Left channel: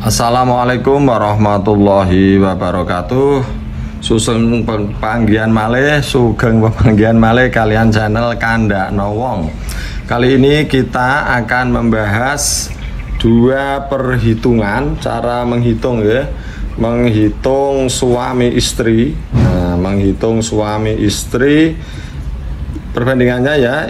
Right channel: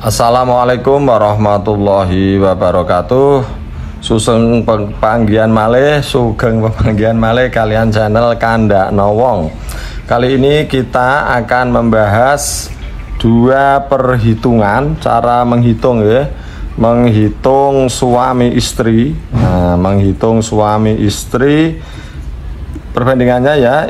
Assalamualaikum warahmatullahi wabarakatuh. Susung panggihan malih, sugeng panggihan malih kalian channel Kandakno Wong. Kali ini kita akan membahas dua perhitungan cara menghitung ya. Menghitung suami istri. Nah, menghitung suami istri perbandingannya ya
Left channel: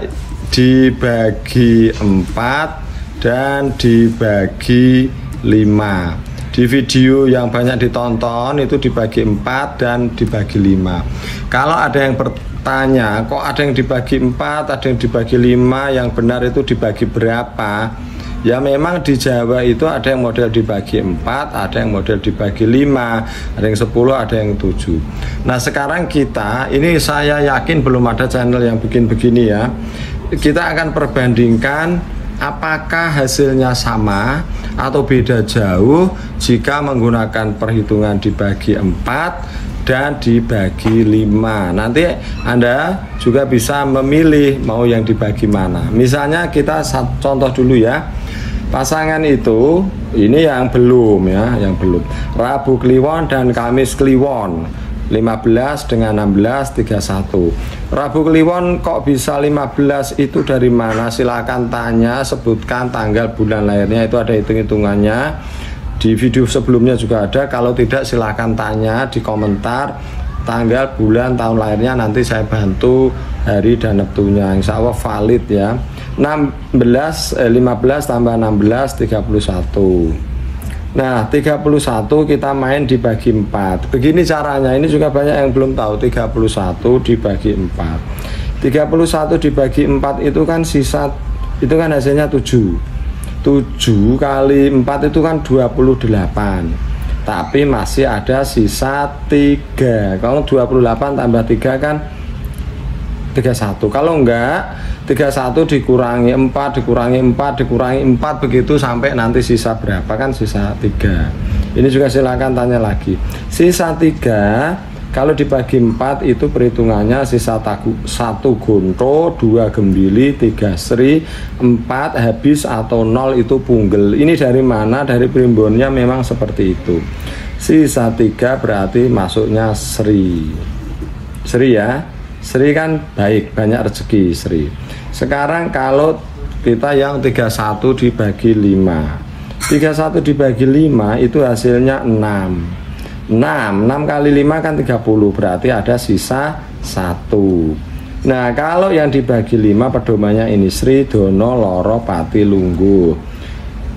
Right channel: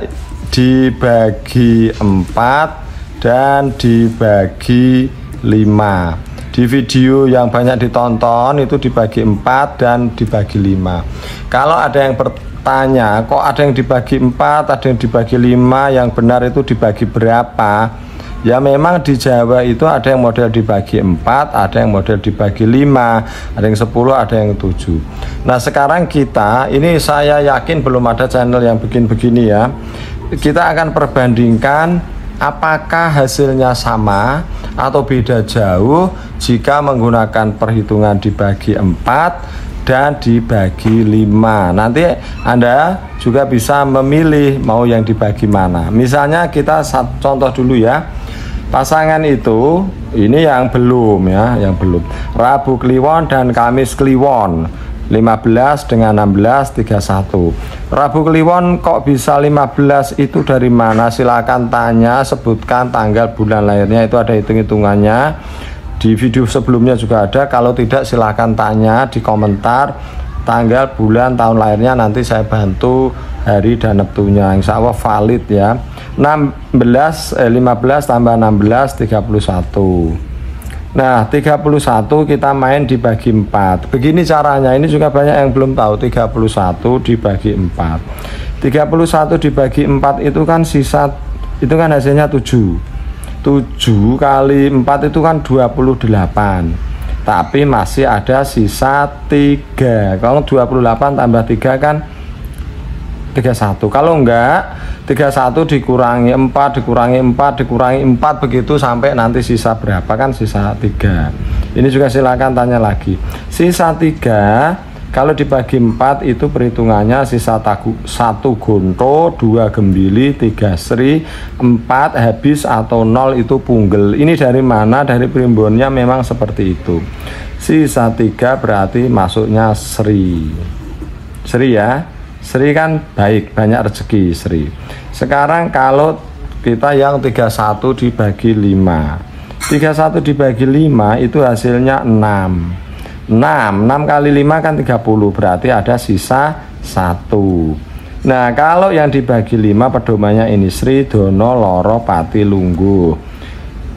dibagi 4 dan dibagi 5. Di video yang banyak ditonton itu dibagi 4 dan dibagi 5. Kalau ada yang bertanya kok ada yang dibagi 4, ada yang dibagi 5, yang benar itu dibagi berapa? Ya memang di Jawa itu ada yang model dibagi 4, ada yang model dibagi 5, ada yang 10, ada yang 7. Nah sekarang kita, ini saya yakin belum ada channel yang bikin begini ya. Kita akan perbandingkan apakah hasilnya sama atau beda jauh jika menggunakan perhitungan dibagi 4 dan dibagi 5. Nanti Anda juga bisa memilih mau yang dibagi mana. Misalnya kita contoh dulu ya. Pasangan itu ini yang belum ya, yang belum. Rabu Kliwon dan Kamis Kliwon. 15 dengan 16 31. Rabu Kliwon kok bisa 15 itu dari mana? Silakan tanya, sebutkan tanggal bulan lahirnya, itu ada hitung-hitungannya. Di video sebelumnya juga ada. Kalau tidak silakan tanya di komentar tanggal, bulan, tahun lahirnya, nanti saya bantu hari dan neptunya. Insya Allah valid ya. 15 tambah 16 31. Nah 31 kita main dibagi 4. Begini caranya, ini juga banyak yang belum tahu. 31 dibagi 4. 31 dibagi 4 itu kan sisa, itu kan hasilnya 7. 7 kali 4 itu kan 28. Tapi masih ada sisa 3. Kalau 28 tambah 3 kan 31. Kalau enggak 31 dikurangi 4 dikurangi 4 dikurangi 4 begitu sampai nanti sisa berapa, kan sisa 3. Ini juga silakan tanya lagi. Sisa 3 kalau dibagi 4 itu perhitungannya sisa 1 gonto, 2 gembili, 3 sri, 4 habis atau 0 itu punggel. Ini dari mana? Dari primbonnya memang seperti itu. Sisa 3 berarti masuknya sri. Sri ya. Sri kan baik, banyak rezeki Sri. Sekarang kalau kita yang 31 dibagi 5. 31 dibagi 5 itu hasilnya 6. 6 kali 5 kan 30, berarti ada sisa 1. Nah kalau yang dibagi 5 pedomannya ini Sri, Dono, Loro, Pati, Lungguh.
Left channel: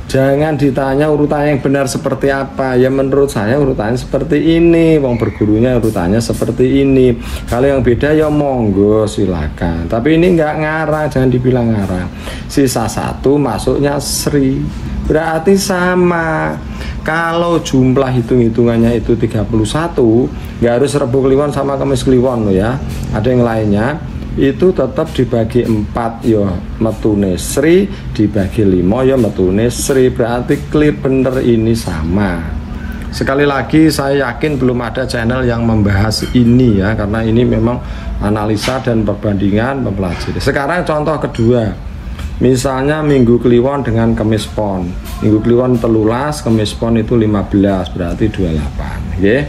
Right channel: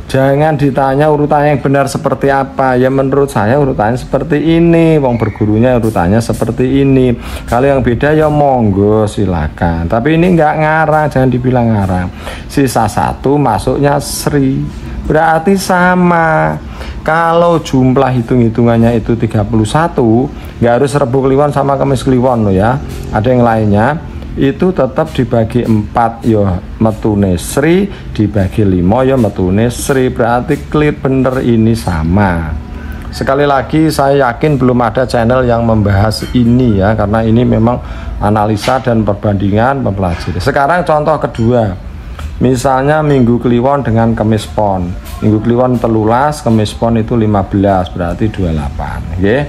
Jangan ditanya urutannya yang benar seperti apa. Ya menurut saya urutannya seperti ini. Wong bergurunya urutannya seperti ini. Kalau yang beda ya monggo silakan. Tapi ini nggak ngarang, jangan dibilang ngarang. Sisa 1 masuknya Sri. Berarti sama. Kalau jumlah hitung-hitungannya itu 31, nggak harus Rabu Kliwon sama Kamis Kliwon loh ya. Ada yang lainnya. Itu tetap dibagi 4 ya metune Sri, dibagi 5 ya metune Sri, berarti klip bener ini sama. Sekali lagi saya yakin belum ada channel yang membahas ini ya, karena ini memang analisa dan perbandingan mempelajari. Sekarang contoh kedua, misalnya Minggu Kliwon dengan Kamis Pon. Minggu Kliwon 13, Kamis Pon itu 15, berarti 28 ya.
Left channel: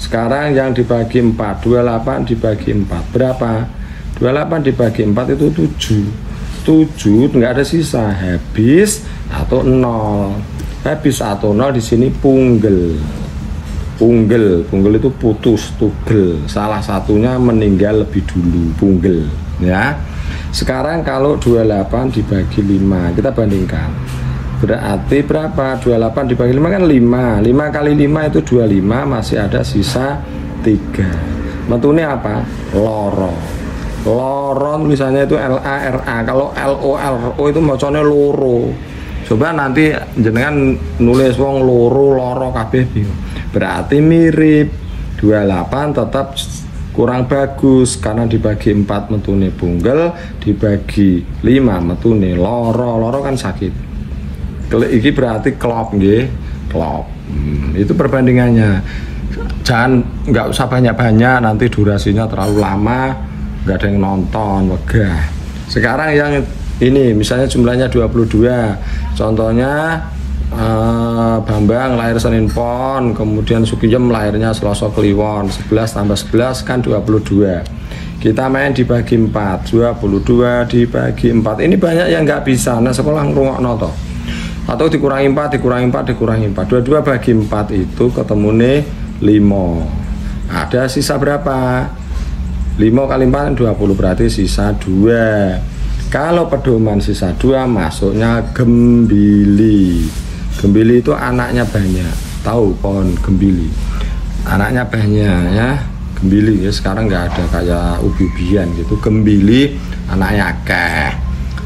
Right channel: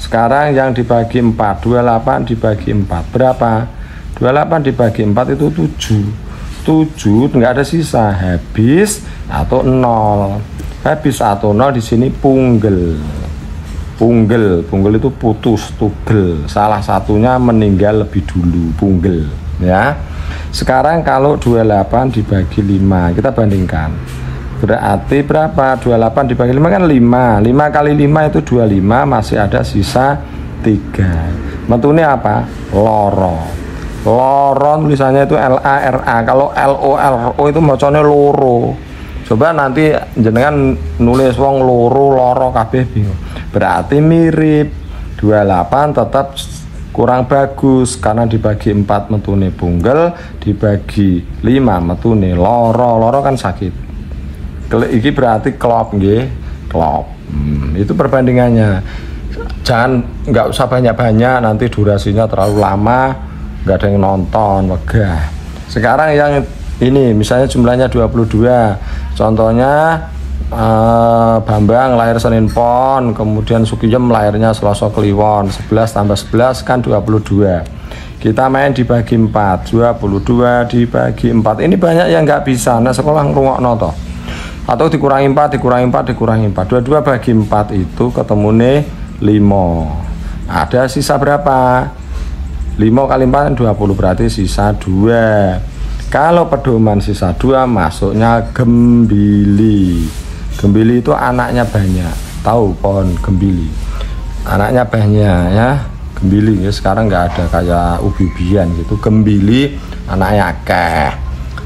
Sekarang yang dibagi 4, 28 dibagi 4 berapa? 28 dibagi 4 itu 7. 7 enggak ada sisa, habis atau 0. Habis atau 0 di sini punggel. Punggel itu putus, tugel. Salah satunya meninggal lebih dulu, punggel ya. Sekarang kalau 28 dibagi 5, kita bandingkan. Berarti berapa? 28 dibagi 5 kan 5. 5 kali 5 itu 25, masih ada sisa 3. Metune apa? Loro. Loro tulisannya itu LARA. Kalau LORO itu macamnya loro. Coba nanti jenengan nulis wong loro kabeh bingung. Berarti mirip. 28 tetap kurang bagus karena dibagi 4 metune punggel, dibagi 5 metune loro. Loro kan sakit. Iki berarti klop nggih. Klop. Itu perbandingannya. Jangan, nggak usah banyak-banyak, nanti durasinya terlalu lama, nggak ada yang nonton, megah. Sekarang yang ini misalnya jumlahnya 22, contohnya Bambang lahir Senin Pon, kemudian Sugiem lahirnya Selasa Kliwon. 11 tambah 11 kan 22. Kita main dibagi 4, 22 dibagi 4. Ini banyak yang nggak bisa. Nah sekolah ngerungokno toh. Atau dikurangi 4, dikurangi 4, dikurangi 4. 22 bagi 4 itu ketemune 5. Ada sisa berapa? 5 kali 4 20, berarti sisa 2. Kalau pedoman sisa 2 masuknya gembili. Gembili itu anaknya banyak. Tahu pohon gembili? Anaknya banyak ya. Gembili ya, sekarang nggak ada kayak ubi-ubian gitu. Gembili anaknya akeh.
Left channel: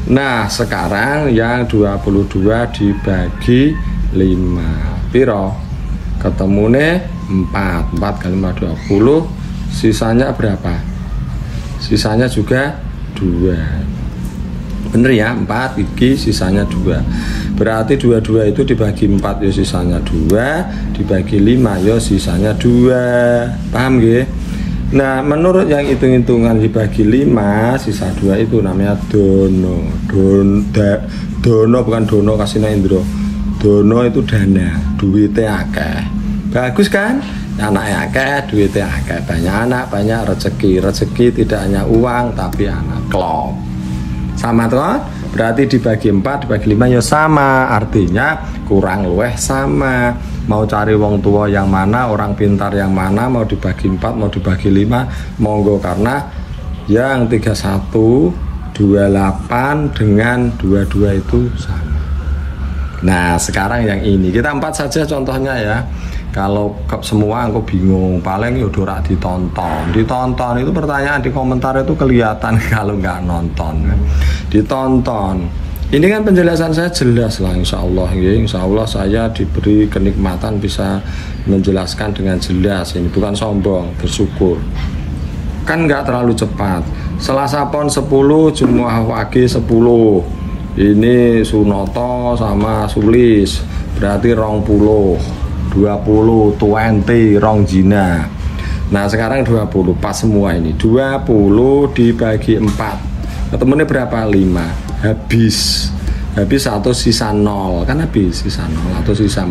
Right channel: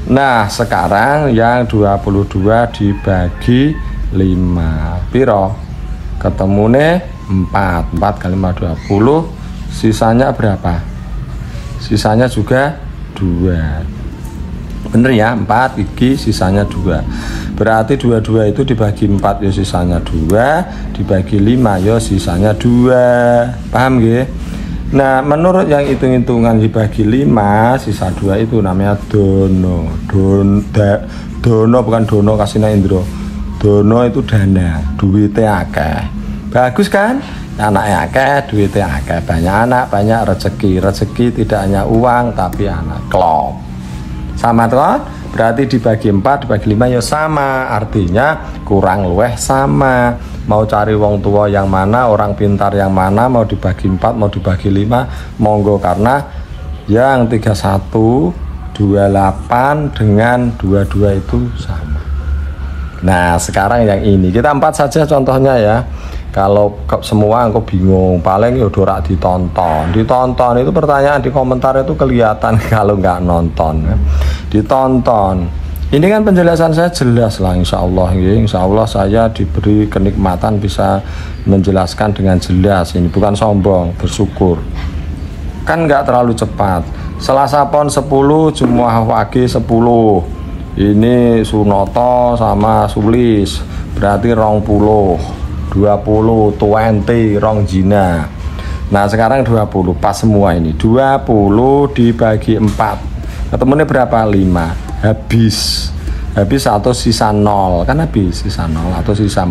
Nah, sekarang yang 22 dibagi 5. Piro? Ketemune 4. 4 kali 5 20. Sisanya berapa? Sisanya juga 2. Bener ya, 4 iki sisanya 2. Berarti 22 itu dibagi 4 ya sisanya 2, dibagi 5 ya sisanya 2. Paham nggih? Nah, menurut yang hitung-hitungan dibagi 5 sisa 2 itu namanya dono. Dono bukan dono kasina Indro. Dono itu dana, duitnya akeh. Bagus kan? Anaknya akeh, duitnya akeh. Banyak anak, banyak rezeki. Rezeki tidak hanya uang tapi anak. Klop. Sama toh, berarti dibagi 4 dibagi 5 ya sama, artinya kurang luweh sama. Mau cari wong tua yang mana, orang pintar yang mana, mau dibagi 4 mau dibagi 5 monggo, karena yang 31 28 dengan 22 itu sama. Nah sekarang yang ini kita 4 saja contohnya ya. Kalau semua aku bingung, paling ya udah ditonton itu pertanyaan di komentar itu kelihatan kalau nggak nonton kan. Ditonton. Ini kan penjelasan saya jelas lah, insya Allah ya. Insya Allah saya diberi kenikmatan bisa menjelaskan dengan jelas. Ini bukan sombong, bersyukur. Kan nggak terlalu cepat. Selasa Pon 10, Jumat Wage 10. Ini Sunoto sama Sulis, berarti 20 rong jina. Nah sekarang 20 pas semua ini. 20 dibagi 4 ketemunya berapa? 5. Habis atau sisa 0 kan, habis sisa 0 atau sisa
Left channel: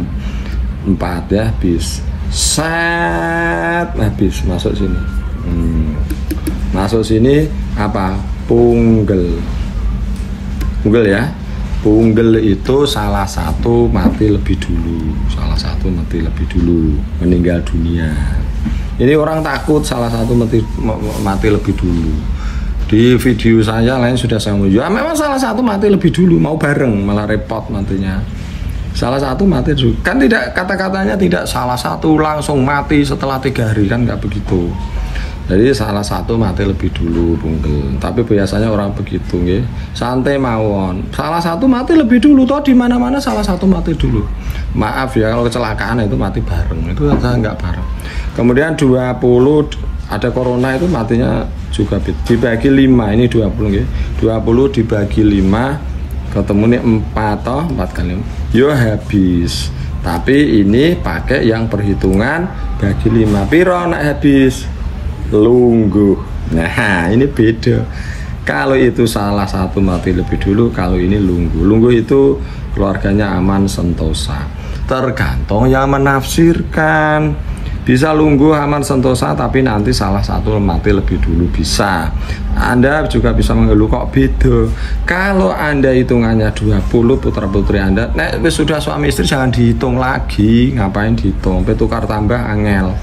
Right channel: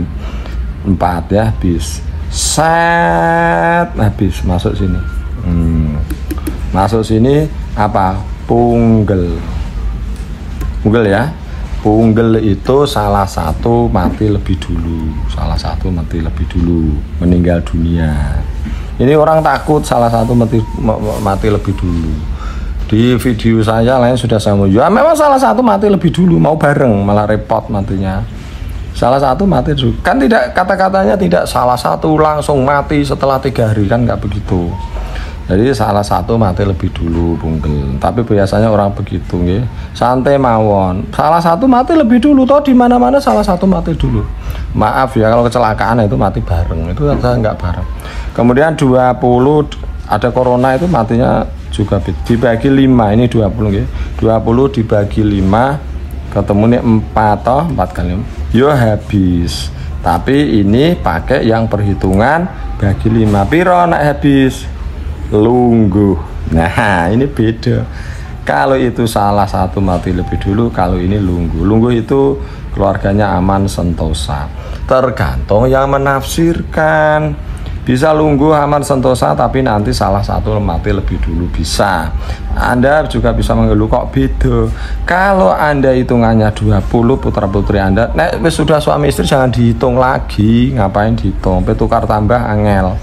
4 ya, habis set, habis masuk sini. Masuk sini apa? Punggel ya. Punggel itu salah satu mati lebih dulu. Meninggal dunia. Ini orang takut salah satu mati lebih dulu. Di video saya lain sudah saya mau, ya memang salah satu mati lebih dulu, mau bareng malah repot matinya. Salah satu mati dulu. Kan tidak, kata-katanya tidak salah satu langsung mati setelah 3 hari, kan nggak begitu. Jadi salah satu mati lebih dulu punggel. Tapi biasanya orang begitu ya. Santai mawon. Salah satu mati lebih dulu, toh di mana-mana salah satu mati dulu. Maaf ya kalau kecelakaan itu mati bareng. Itu nggak bareng. Kemudian 20 ada corona itu matinya juga dibagi 5. Ini 20 ya. 20 dibagi 5 ketemu nih 4 toh, 4 kali 5. Yo habis. Tapi ini pakai yang perhitungan bagi 5. Piro nak habis? Lungguh. Nah ini beda. Kalau itu salah satu mati lebih dulu, kalau ini lungguh. Lungguh itu keluarganya aman sentosa. Tergantung yang menafsirkan. Bisa lungguh aman sentosa tapi nanti salah satu mati lebih dulu, bisa. Anda juga bisa mengeluh kok beda. Kalau Anda hitungannya 20 putra putri Anda, nah sudah suami istri jangan dihitung lagi. Ngapain dihitung? Tukar tambah angel.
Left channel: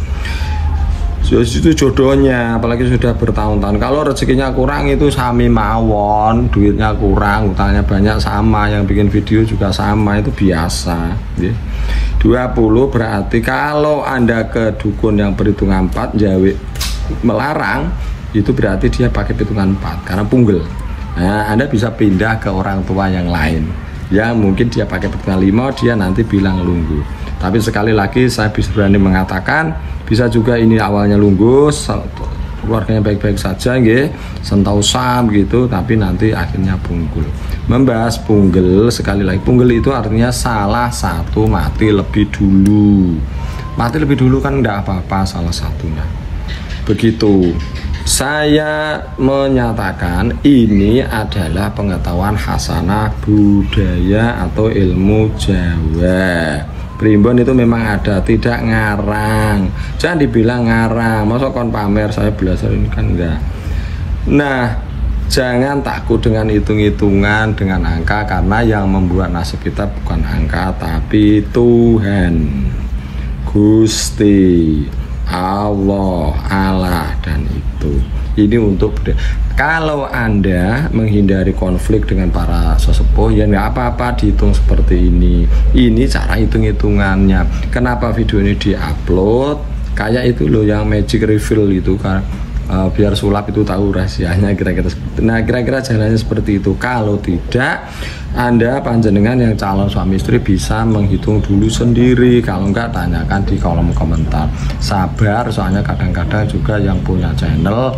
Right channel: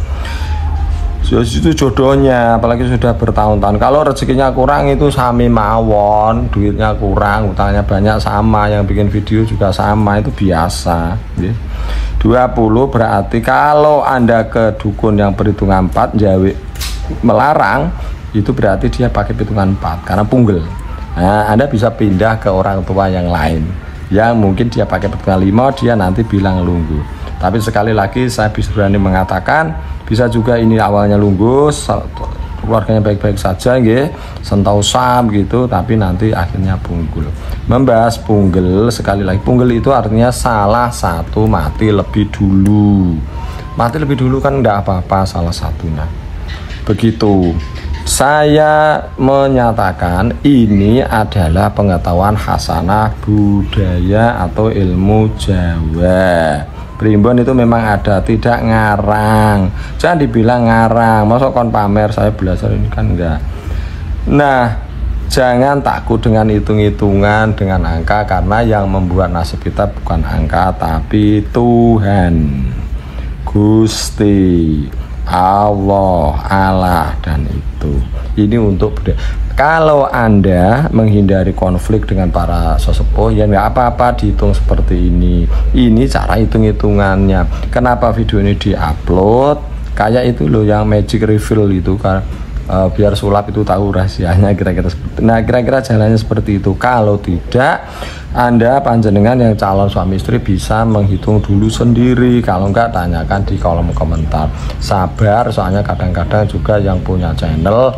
Itu jodohnya, apalagi sudah bertahun-tahun. Kalau rezekinya kurang itu sami mawon, duitnya kurang, utangnya banyak sama, yang bikin video juga sama, itu biasa ya. 20 berarti kalau Anda ke dukun yang perhitungan 4 jawi melarang, itu berarti dia pakai perhitungan 4 karena punggel. Nah Anda bisa pindah ke orang tua yang lain yang mungkin dia pakai perhitungan 5, dia nanti bilang lungguh. Tapi sekali lagi saya bisa berani mengatakan, bisa juga ini awalnya lungguh, keluarganya baik-baik saja nggih, sentosa gitu, tapi nanti akhirnya punggul. Membahas punggel sekali lagi, punggel itu artinya salah satu mati lebih dulu. Mati lebih dulu kan enggak apa-apa salah satunya. Begitu. Saya menyatakan ini adalah pengetahuan hasanah budaya atau ilmu Jawa. Primbon itu memang ada, tidak ngarang. Jangan dibilang ngarang, masuk kon pamer saya belajar ini kan enggak. Nah, jangan takut dengan hitung-hitungan, dengan angka, karena yang membuat nasib kita bukan angka tapi Tuhan, Gusti Allah, dan itu. Ini untuk budaya. Kalau Anda menghindari konflik dengan para sesepuh, ya nggak apa-apa dihitung seperti ini. Ini cara hitung-hitungannya. Kenapa video ini diupload? Kayak itu loh yang magic reveal itu kan, biar sulap itu tahu rahasianya kira-kira. Nah, kira-kira jalannya seperti itu. Kalau tidak, Anda panjenengan yang calon suami istri bisa menghitung dulu sendiri. Kalau enggak, tanyakan di kolom komentar. Sabar, soalnya kadang-kadang juga yang punya channel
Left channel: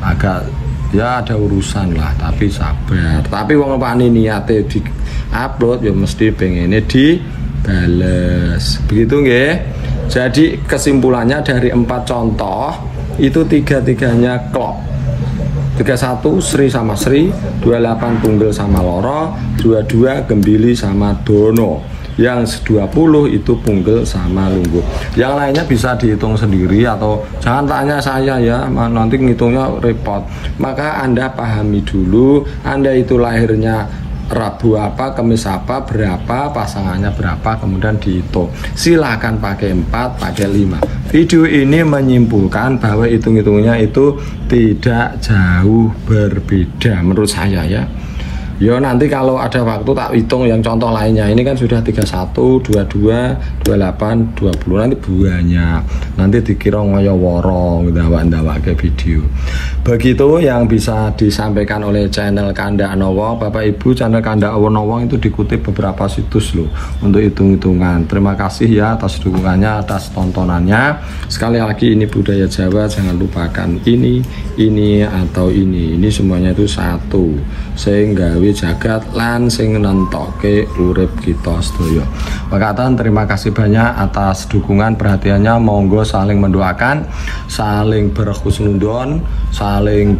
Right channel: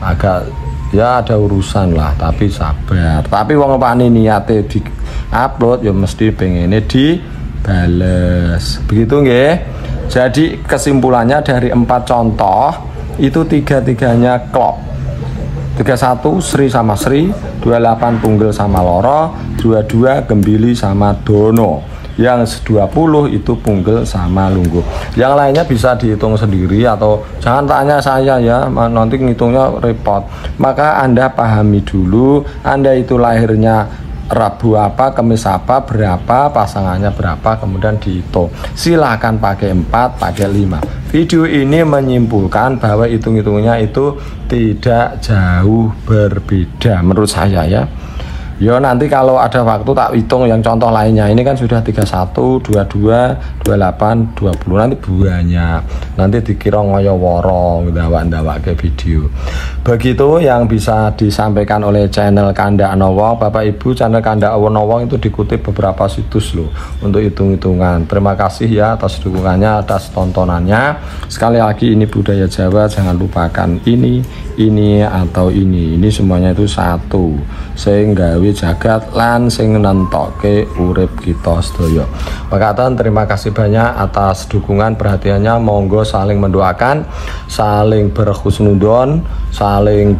agak ya ada urusan lah, tapi sabar. Tapi wong pani niate di upload ya mesti pengennya dibales. Begitu nggih. Jadi kesimpulannya dari 4 contoh itu 3-3-nya klop. 31 Sri sama Sri, 28 Punggel sama Loro, 22 Gembili sama Dono. Yang 20 itu Punggel sama Lungguh. Yang lainnya bisa dihitung sendiri atau jangan tanya saya ya, nanti ngitungnya repot. Maka Anda pahami dulu, Anda itu lahirnya Rabu apa, Kamis apa, berapa, pasangannya berapa, kemudian dihitung. Silahkan pakai 4, pakai 5. Video ini menyimpulkan bahwa hitung-hitungnya itu tidak jauh berbeda menurut saya ya. Ya nanti kalau ada waktu tak hitung yang contoh lainnya. Ini kan sudah 31, 22, 28, 20. Nanti banyak. Nanti dikira ngoyo woro ndawak-ndawak ke video. Begitu yang bisa disampaikan oleh channel Kanda Anowong. Bapak Ibu, channel Kanda Anowong itu dikutip beberapa situs loh untuk hitung-hitungan. Terima kasih ya atas dukungannya, atas tontonannya. Sekali lagi ini budaya Jawa, jangan lupakan ini atau ini. Ini semuanya itu satu. Sehingga jagat lan sing nentoke urip kita sedaya. Pakatan terima kasih banyak atas dukungan perhatiannya. Monggo saling mendoakan, saling berhusnudon, saling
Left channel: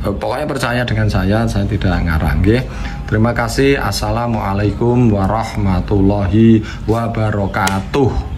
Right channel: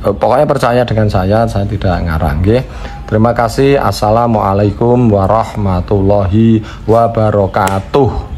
pokoknya percaya dengan saya tidak ngarang nggih. Terima kasih. Assalamualaikum warahmatullahi wabarakatuh.